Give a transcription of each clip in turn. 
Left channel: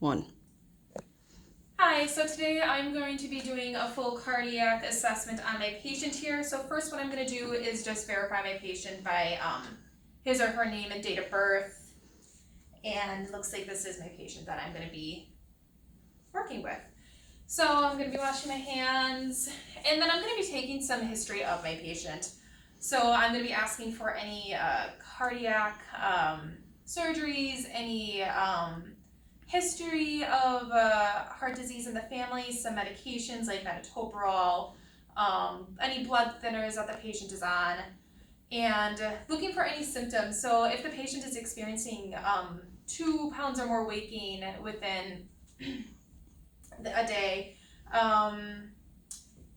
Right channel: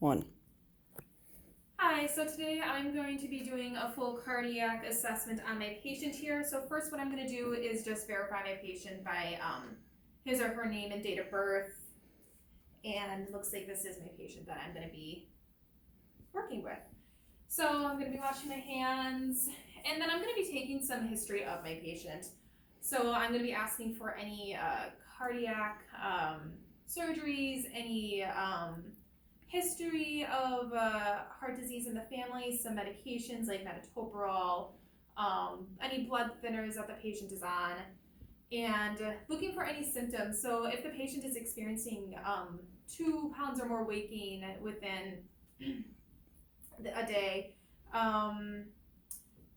1. Hi, so today I'm going to be doing a full cardiac assessment on my patient here. So first what I'm going to do is just verify my patient by his or her name and date of birth. And looks like this is my patient that I'm going to be working with. So I'm going to be washing my hands, and then I'm going to be taking some history of my patient. So I'm going to be asking for any cardiac surgeries, any history of heart disease in the family, some medications like metoprolol, any blood thinners that the patient is on, and looking for any symptoms. So if the patient is experiencing 2 pounds or more weight gain within a day,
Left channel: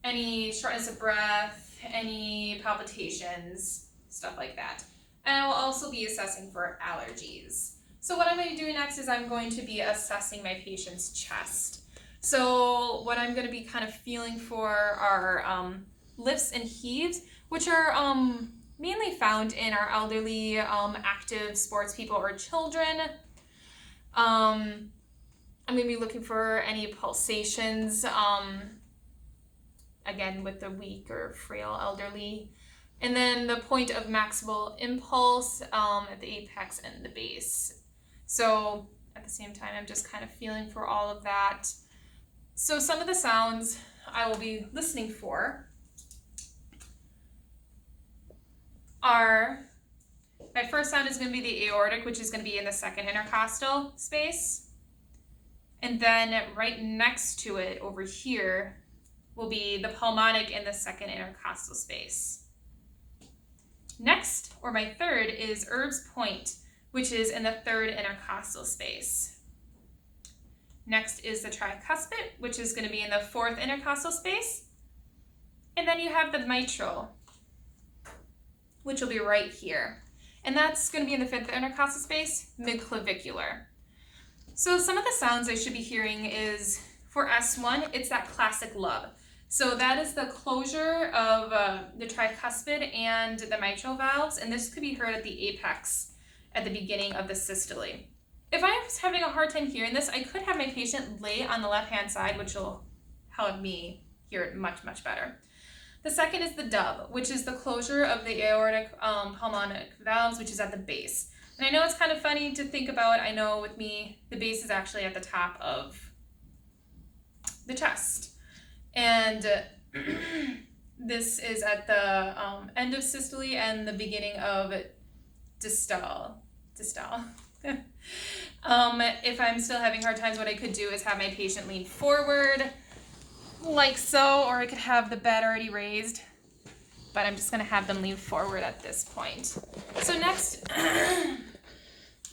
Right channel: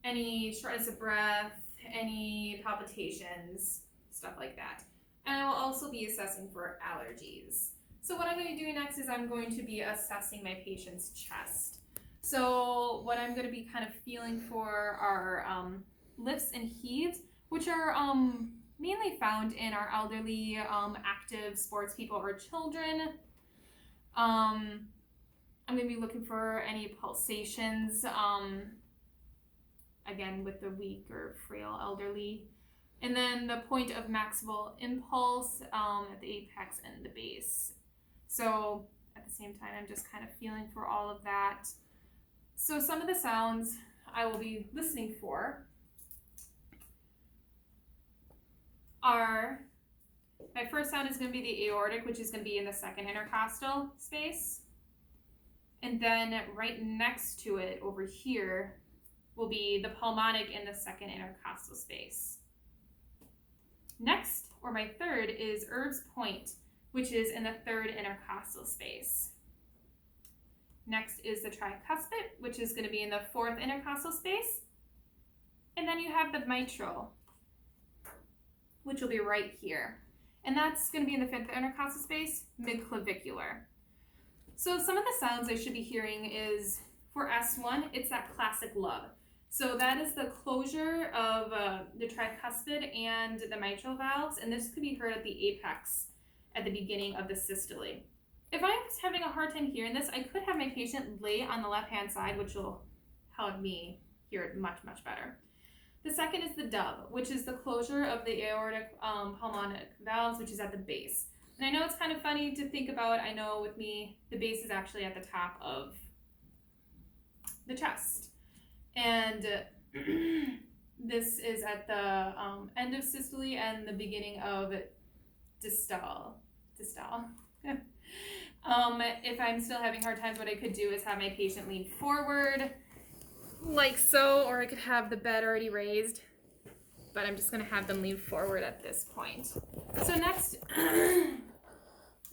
any shortness of breath, any palpitations, stuff like that. And I will also be assessing for allergies. So what I'm going to be doing next is I'm going to be assessing my patient's chest. So what I'm going to be kind of feeling for are lifts and heaves, which are mainly found in our elderly, active sports people or children. I'm going to be looking for any pulsations, again with the weak or frail elderly. And then the point of maximal impulse at the apex and the base. So at the same time, I'm just kind of feeling for all of that. So some of the sounds I will be listening for are, my first sound is going to be the aortic, which is going to be in the second intercostal space. And then right next to it over here will be the pulmonic in the second intercostal space. Next, or my third, is Erb's point, which is in the third intercostal space. Next is the tricuspid, which is going to be in the fourth intercostal space. And then you have the mitral, which will be right here. And that's going to be in the fifth intercostal space, midclavicular. So some of the sounds I should be hearing is, for S1, it's that classic lub. So that is the closure of the tricuspid and the mitral valves, and this could be heard at the apex at the beginning of the systole. If I was having a hard time hearing this, I could have my patient lay on the left-hand side, which will help me hear it much, much better. The second is the dub, which is the closure of the aortic pulmonic valves, which is at the base. And I know it's kind of funny to think about. I know with me, the base is actually at the top of the chest. And this is at the end of systole and the beginning of distal. If I'm still having hard times, what I could do is have my patient lean forward like so, or I could have the bed already raised, but I'm just going to have them lean forward at this point. So next,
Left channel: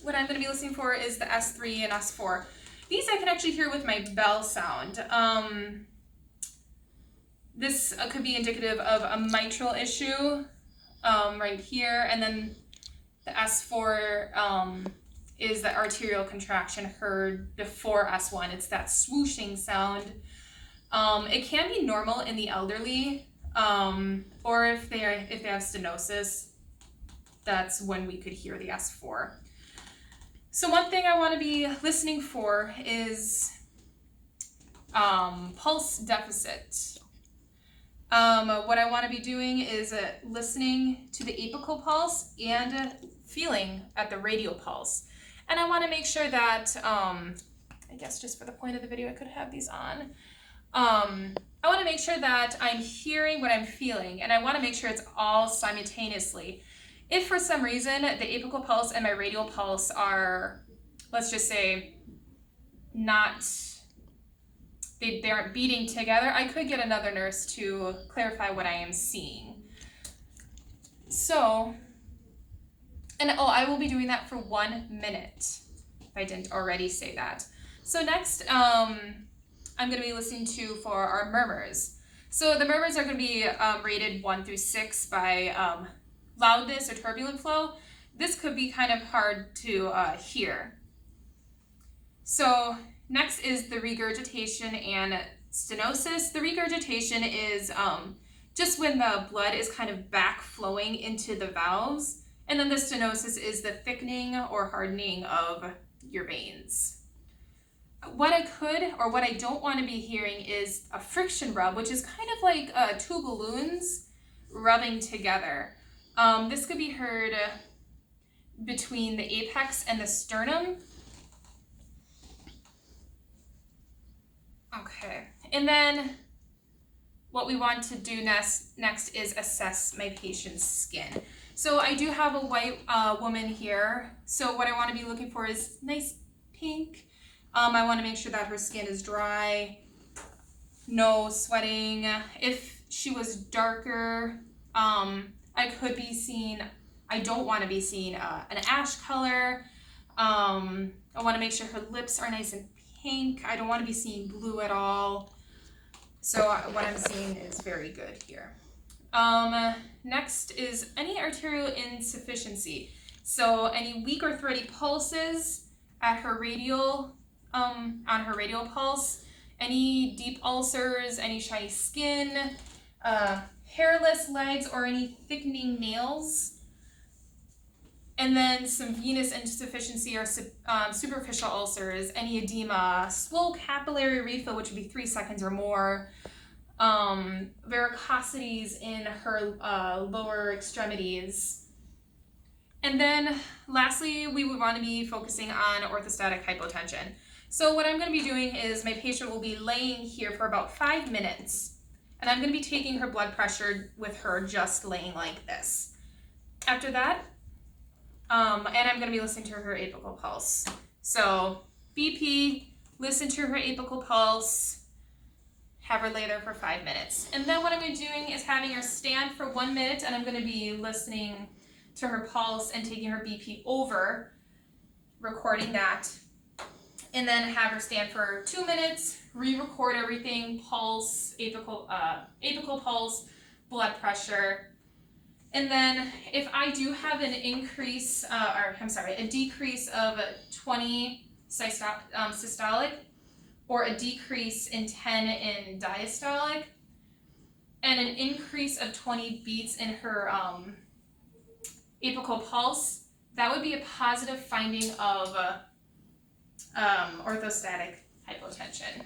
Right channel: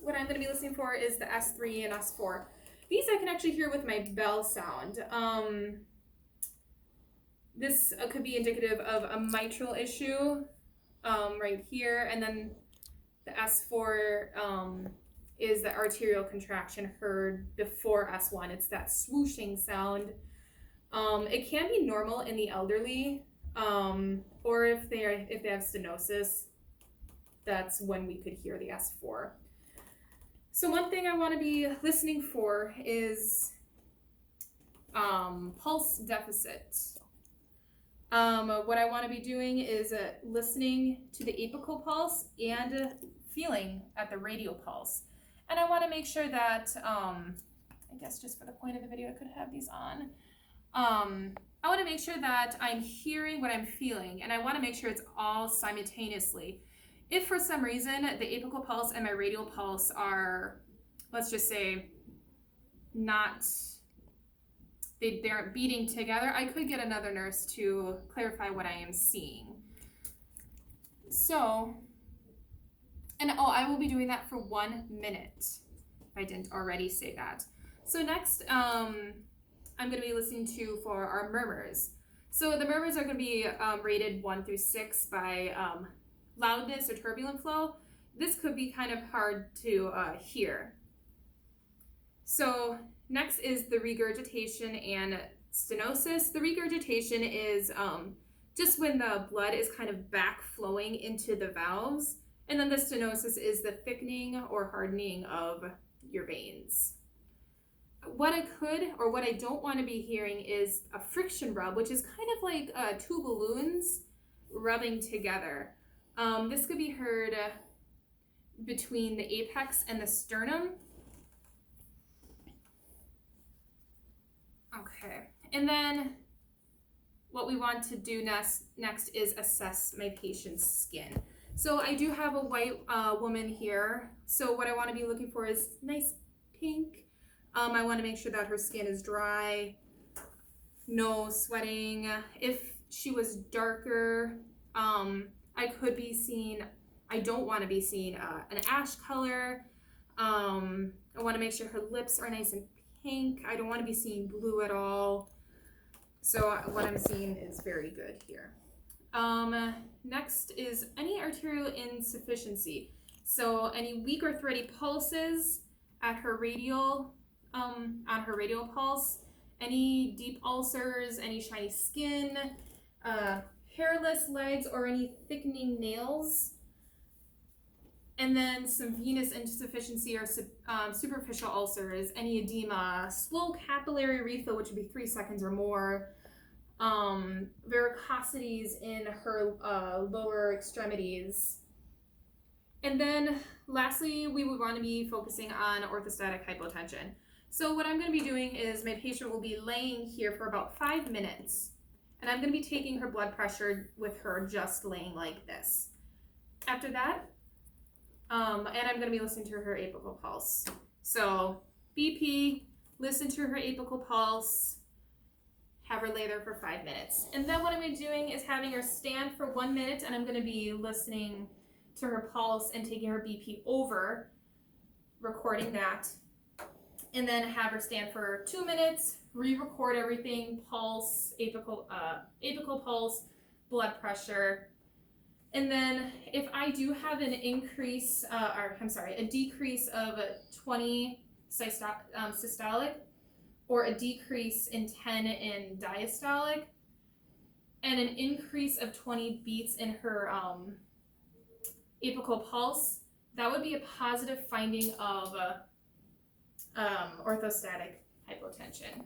what I'm going to be listening for is the S3 and S4. These I can actually hear with my bell sound. This could be indicative of a mitral issue right here, and then the S4 is the arterial contraction heard before S1. It's that swooshing sound. It can be normal in the elderly, or if they have stenosis, that's when we could hear the S4. So one thing I want to be listening for is pulse deficit. What I want to be doing is listening to the apical pulse and feeling at the radial pulse. And I want to make sure that, I guess just for the point of the video, I could have these on. I want to make sure that I'm hearing what I'm feeling, and I want to make sure it's all simultaneously. If for some reason the apical pulse and my radial pulse are, let's just say, they aren't beating together, I could get another nurse to clarify what I am seeing. So, and I will be doing that for 1 minute, if I didn't already say that. So next, I'm going to be listening for our murmurs. So the murmurs are going to be rated 1 through 6 by loudness or turbulent flow. This could be kind of hard to hear. So next is the regurgitation and stenosis. The regurgitation is just when the blood is kind of back flowing into the valves. And then the stenosis is the thickening or hardening of your veins. what I could or what I don't want to be hearing is a friction rub, which is kind of like two balloons rubbing together. This could be heard between the apex and the sternum. Okay, and then what we want to do next is assess my patient's skin. So I do have a white woman here. So what I want to be looking for is nice pink. I want to make sure that her skin is dry, no sweating. If she was darker, I could be seeing, I don't want to be seeing an ash color. I want to make sure her lips are nice and pink. I don't want to be seeing blue at all. So what I'm seeing is very good here. Next is any arterial insufficiency. So any weak or thready pulses at her radial, on her radial pulse, any deep ulcers, any shiny skin, hairless legs, or any thickening nails. And then some venous insufficiency or superficial ulcers, any edema, swole capillary refill, which would be 3 seconds or more, varicosities in her lower extremities. And then lastly, we would want to be focusing on orthostatic hypotension. So what I'm going to be doing is my patient will be laying here for about 5 minutes, and I'm going to be taking her blood pressure with her just laying like this. After that, and I'm going to be listening to her apical pulse. So BP, listen to her apical pulse, have her lay there for 5 minutes. And then what I'm going to be doing is having her stand for 1 minute, and I'm going to be listening to her pulse and taking her BP over, recording that. And then have her stand for 2 minutes, re-record everything, pulse, apical pulse, blood pressure. And then if I do have an increase, a decrease of 20 systolic, or a decrease in 10 in diastolic, and an increase of 20 beats in her apical pulse, that would be a positive finding of orthostatic hypotension.